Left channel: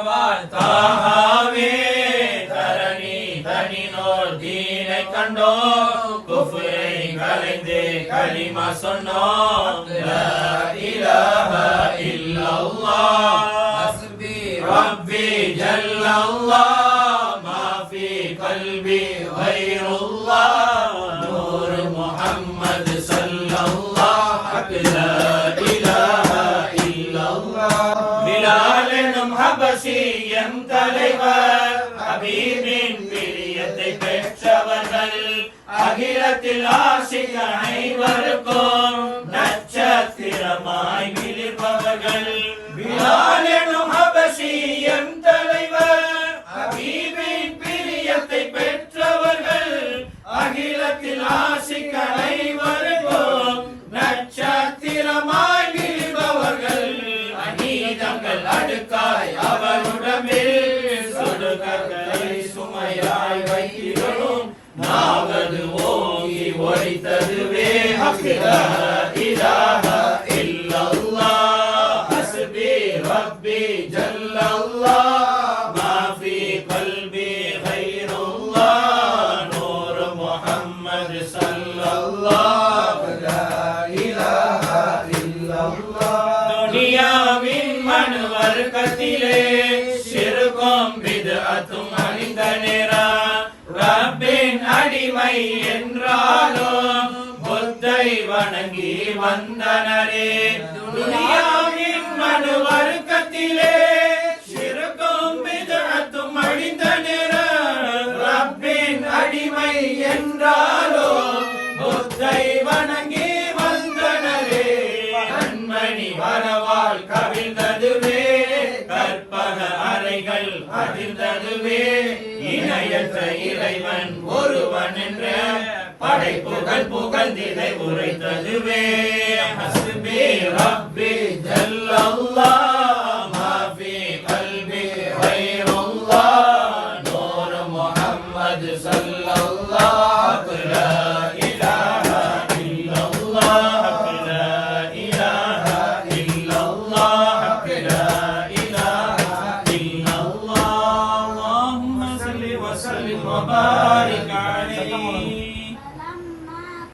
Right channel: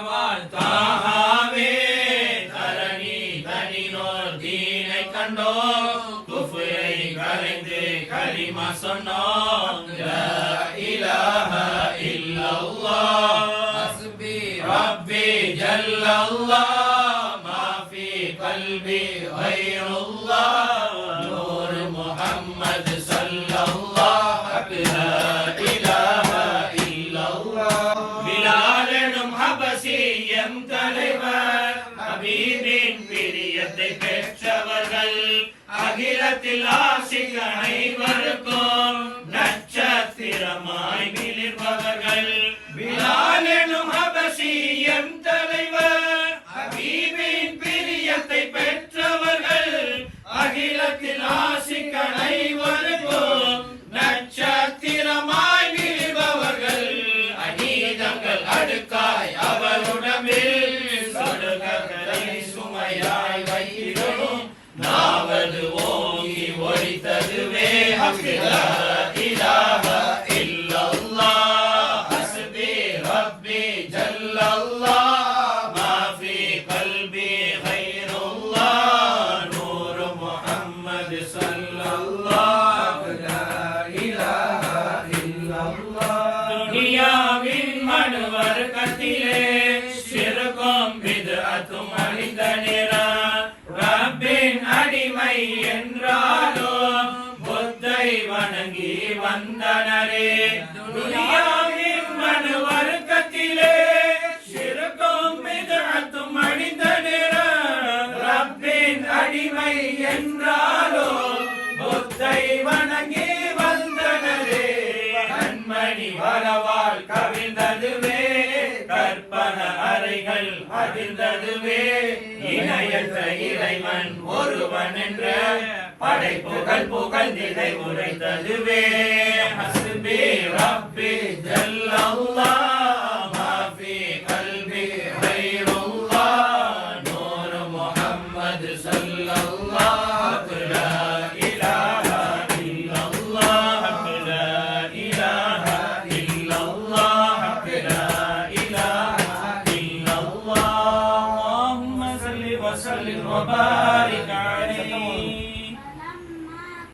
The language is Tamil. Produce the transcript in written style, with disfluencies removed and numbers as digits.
வரவாள் தாகாவே தரணி தனினோர் தீனை கண்டோ குஃப்ரை கலைந்து கலிமா சொன்னோம் லா இலாஹ இல்லல்லாஹ் ஹஸ்பி ரப்பி ஜல்லல்லாஹ் மா ஃபீ கல்பி கைருல்லாஹ் நூர் முஹம்மது ஸல்லல்லாஹு லா இலாஹ இல்லல்லாஹ் பிலால் எனும் ஹபஷியம் தலைவர் ஹபீபின் பிரியத்தை பெற்றவர்கள் அகிலத்தில் ஆசிக அனைவருக்கும் நட்சத்திரமாய் மிளிர்பவர்கள் பிலால் எனும் ஹபஷியம் தலைவர் ஹபீபின் பிரியத்தை பெற்றவர்கள் அகிலத்தில் ஆசிக அனைவருக்கும் நட்சத்திரமாய் மிளிர்பவர்கள் அநீதங்கள் அடுக்காய் அவருடம்பில் சொடுகளை சுமையாய் வைத்திடும் நாவது ஓங்கி ஒழித்ததுவே லா இலாஹ இல்லல்லாஹ் ஹஸ்பி ரப்பி ஜல்லல்லாஹ் மா ஃபீ கல்பி கைருல்லாஹ் நூர் முஹம்மது ஸல்லல்லாஹு லா இலாஹ இல்லல்லாஹ் துனியாவின் மனுவர்க்கத்திலே ஷிர்கும் பித்அத்தும் அழிந்த நேரம் ரப்பின் அடிமை என்றாலும் புத்தை வணங்கி வந்தனரே துனியாவின் மனுவர்க்கத்திலே ஷிர்கும் பித்அத்தும் அழிந்த நேரம் ரப்பின் அடிமை என்றாலும் புத்தை வணங்கி வந்தனரே கண்மணி வரவால் கவிழ்ந்ததுவே கற்பன அறைகள் அதிர்ந்ததுவே இணையற்ற இறைவன் ஒருவன் என்ற படைப்புகள் புகழ்ந்திதை உரைத்ததுவே ஹஸ்பி ரப்பி ஜல்லல்லாஹ் மா ஃபீ கல்பி கைருல்லாஹ் நூர் முஹம்மது ஸல்லல்லாஹு லா இலாஹ இல்லல்லாஹ் லா இலாஹ இல்லல்லாஹ்